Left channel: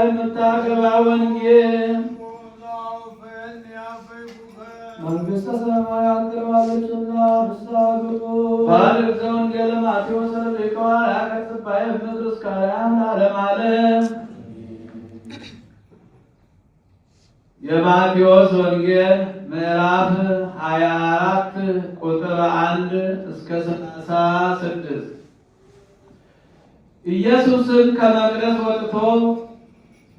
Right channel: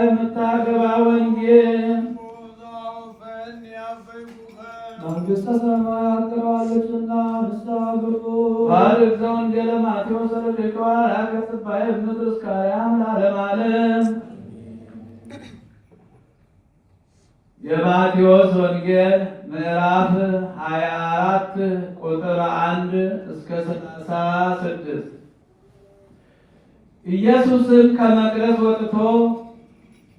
የምታገባ ወንጌል መንግሥተ ሰማያት ቀርባለችና ንስሐ ግቡ። ባርክ ዘወንጌለ ማቴዎስ ሊቀዋ ያከስባይ ምድር እስከ አርያም ለዓለም ዓለም። የማቴዎስ ወንጌል ምዕራፍ 24 ቁጥር 1 እስከ 36። ኢየሱስም ከመቅደስ ወጥቶ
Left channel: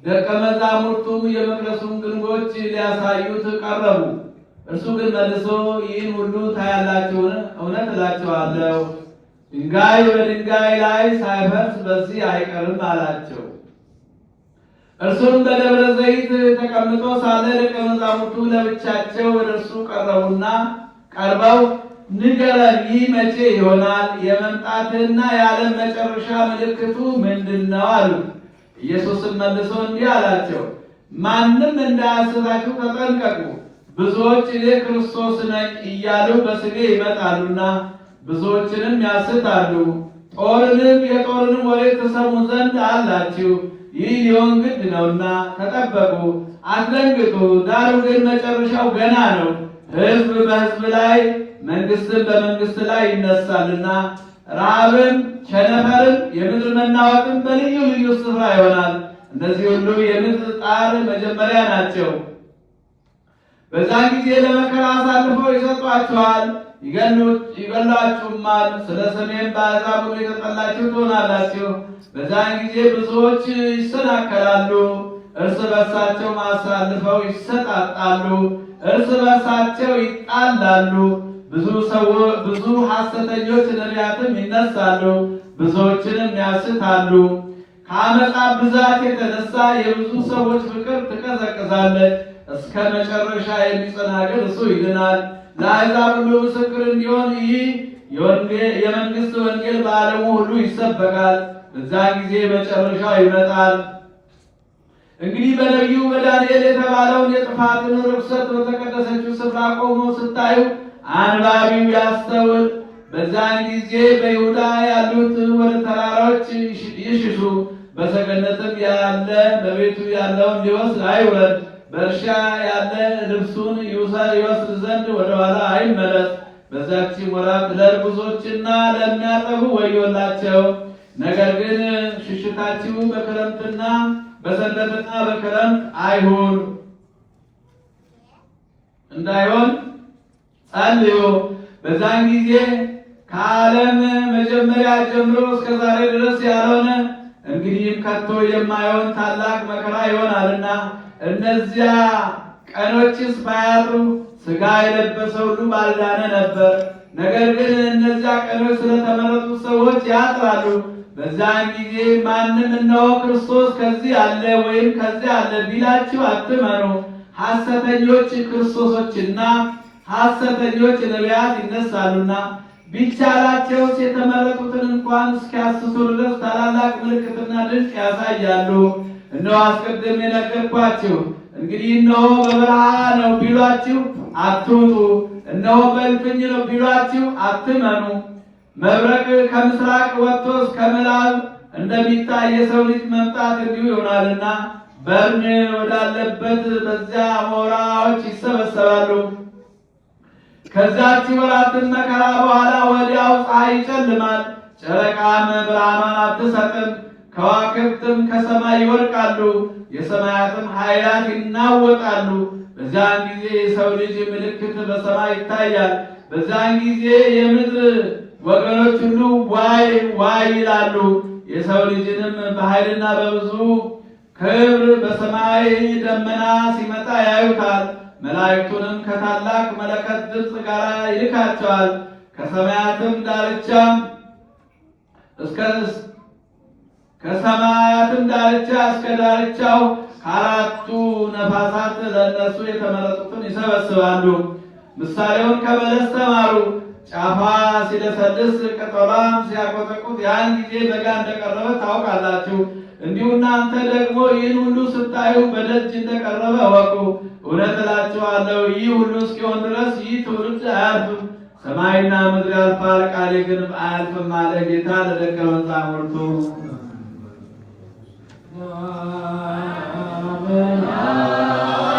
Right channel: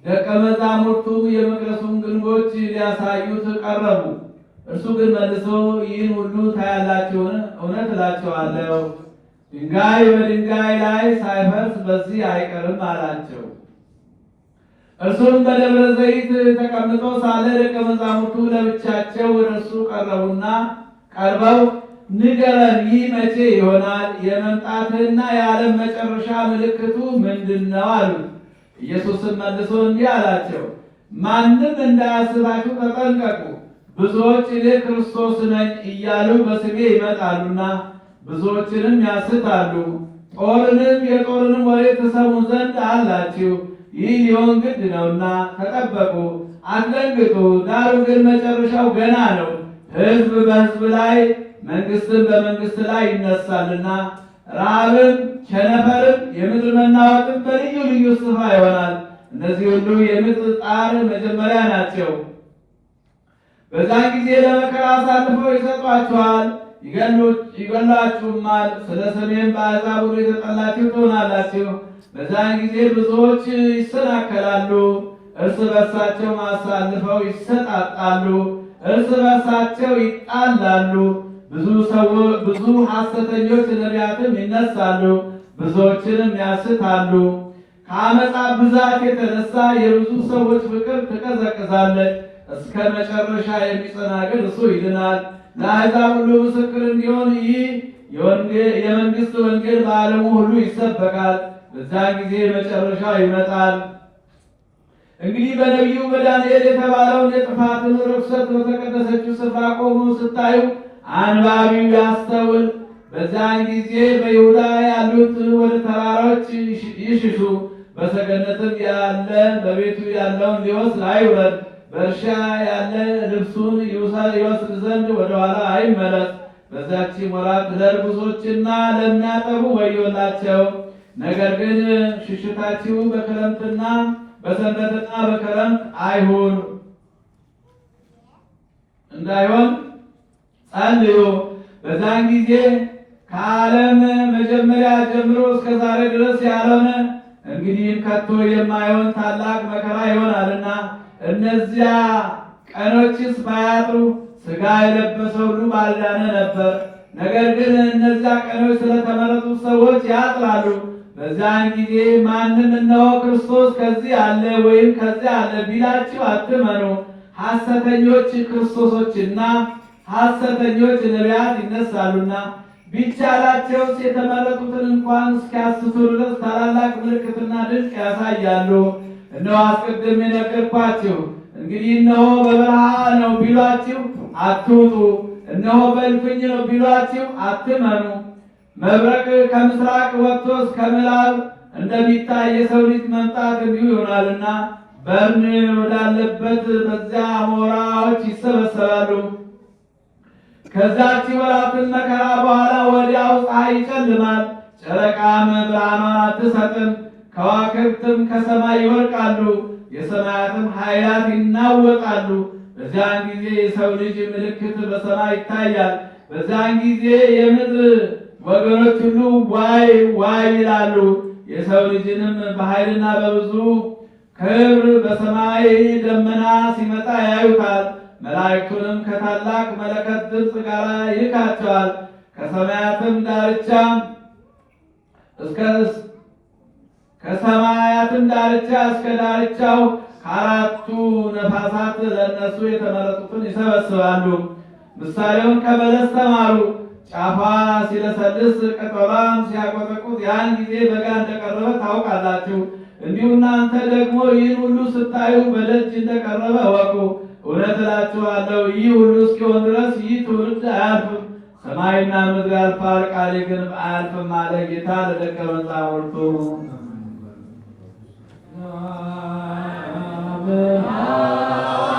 ደቀ መዛሙርቱ የመቅደሱን ግንቦች ሊያሳዩት ቀረቡ። እርሱ ግን መልሶ ይህን ሁሉ ታያላችሁን? እውነት እላችኋለሁ ድንጋይ በድንጋይ ላይ ሳይፈርስ በዚህ አይቀርም አላቸው። እርሱም በደብረ ዘይት ተቀምጦ ሳለ ደቀ መዛሙርቱ ለብቻቸው ወደ እርሱ ቀርበው ንገረን፣ ይህ መቼ ይሆናል? የመምጣትህና የዓለም መጨረሻ ምልክቱ ምንድን ነው? አሉት። ኢየሱስም መልሶ እንዲህ አላቸው፣ ማንም እንዳያስታችሁ ተጠንቀቁ። ብዙዎች እኔ ክርስቶስ ነኝ እያሉ በስሜ ይመጣሉና ብዙዎችንም ያስታሉ። የጦርንም ወሬ ትሰሙ ዘንድ አላችሁ። ይህ ሊሆን ግድ ነውና ተጠበቁ፣ አትደንግጡ። ዳሩ ግን መጨረሻው ገና ነው። ሕዝብ በሕዝብ ላይ መንግሥትም በመንግሥት ላይ ይነሳልና ረሃብም፣ ቸነፈርም፣ የምድር መናወጥም በልዩ ልዩ ስፍራ ይሆናል። እነዚህ ሁሉ የምድር ጣር መጀመሪያ ናቸው። በዛን ጊዜ ለመከራ አሳልፈው ይሰጧችኋል፣ ይገላችሁማል። ስለ ስሜም በአሕዛብ ሁሉ የተጠላችሁ ትሆናላችሁ። በዛን ጊዜ ብዙዎች ይሰናከላሉ፣ እርስ በርሳቸው አሳልፈው ይሰጣጣሉ፣ እርስ በርሳቸው ይጣላሉ። ብዙ ሐሰተኞች ነቢያትም ይነሳሉ፣ ብዙዎችንም ያስታሉ። ከዓመፃ ብዛት የተነሳ የብዙ ሰዎች ፍቅር ትቀዘቅዛለች። እስከ መጨረሻ የሚጸና ግን እሱ ይድናል። ለአሕዛብ ሁሉ ምስክር እንዲሆን ይህ የመንግሥት ወንጌል በዓለሙ ሁሉ ይሰበካል። በዚያን ጊዜ መጨረሻው ይመጣል። እንግዲህ በነቢዩ በዳንኤል የተባለውን የጥፋትን ርኩሰት በተቀደሰችው ስፍራ ቆሞ ስታዩ አንባቢው ያስተውል። በዚያን ጊዜ በይሁዳ ያሉት ወደ ተራሮች ይሽሹ። በሰገነትም ያለ በቤቱ ያለውን ሊወስድ አይውረድ። በእርሻ ያለ ልብሱን ይወስድ ዘንድ ወደኋላ አይመለስ። በዛች ወራት ለርጉዞችና ለሚያጠቡ ወዮላቸው። ነገር ግን ሽሽታችሁ በክረምትና በሰንበትና በክረምት እንዳይሆን ጸልዩ። በዛን ጊዜ ከዓለም መጀመሪያ ጀምሮ እስከ ዛሬ ድረስ ያልሆነ እንግዲህም ከቶ የማይሆን ታላቅ መከራ ይሆናልና እነዚያ ቀኖችስ ባያጥሩ ሥጋ የለበሰ ሁሉ ባልዳነ ነበር። ነገር ግን እነዚያ ቀኖች ስለተመረጡት ሰዎች ያጥራሉ። በዛን ጊዜ ማንም እነሆ ክርስቶስ ከዚህ አለ ወይም ከዚያ አለ ቢላችሁ አትመኑ። ሐሰተኞች ክርስቶሶችና ሐሰተኞች ነቢያት ይነሳሉና ቢቻላቸውስ የተመረጡትን እንኳን እስኪያስቱ ድረስ ታላላቅ ምልክትና ድንቅ ያሳያሉ። እነሆ አስቀድሜ ነገርኳችሁ። እንግዲህ እነሆ በበረሃ ነው ቢሏችሁ አትውጡ፣ እነሆ በእልፍኝ ነው ቢሏችሁ አትመኑ። መብረቅ ከምስራቅ ወጥቶ እስከ ምዕራብ እንደሚታይ የሰው ልጅ መምጣት እንዲሁ ይሆናልና በርን ወዳለበት በዚያ አሞራዎች ይሰበሰባሉ። ከዛች ወራትን መከራ በኋላ ወዲያው ፀሐይ ይጨልማል፣ ጨረቃም ብርሃኗን አትሰጥም፣ ከዋክብትም ከሰማይ ይወድቃሉ፣ የሰማያትም ኃይላት ይናወጣሉ። በዛን ጊዜ የሰው ልጅ ምልክት በሰማይ ይታያል። በዛን ጊዜ የምድር ወገኖች ሁሉ ዋይ ዋይ ይላሉ። የሰው ልጅንም በኃይልና በብዙ ክብር በሰማይ ደመና ሲመጣ ያዩታል። መላእክቱንም ከታላቅ መለከት ድምፅ ጋር ይልካቸዋል። ከሰማያትም ዳርቻ እስከ ዳርቻው ከአራቱ ነፋሳት ለእነሱ የተመረጡትን ይሰበስባሉ። ምሳሌውን ከበለስ ተማሩ። ጫፏ ሲለሰልስ ቅጠሏም ሲያቆጠቁጥ ያን ጊዜ በጋ እንደቀረበ ታውቃላችሁ። እንዲሁ እናንተ ደግሞ ይህን ሁሉ ስታዩ በደጅ እንደቀረበ እወቁ። እውነት እላችኋለሁ ይህ ሁሉ እስኪሆን ድረስ ይህ ትውልድ አያልፍም። ሰማይና ምድር ያልፋል፣ ቃሌ ግን አያልፍም አለ ጌታ ለደቀ መዛሙርቱ።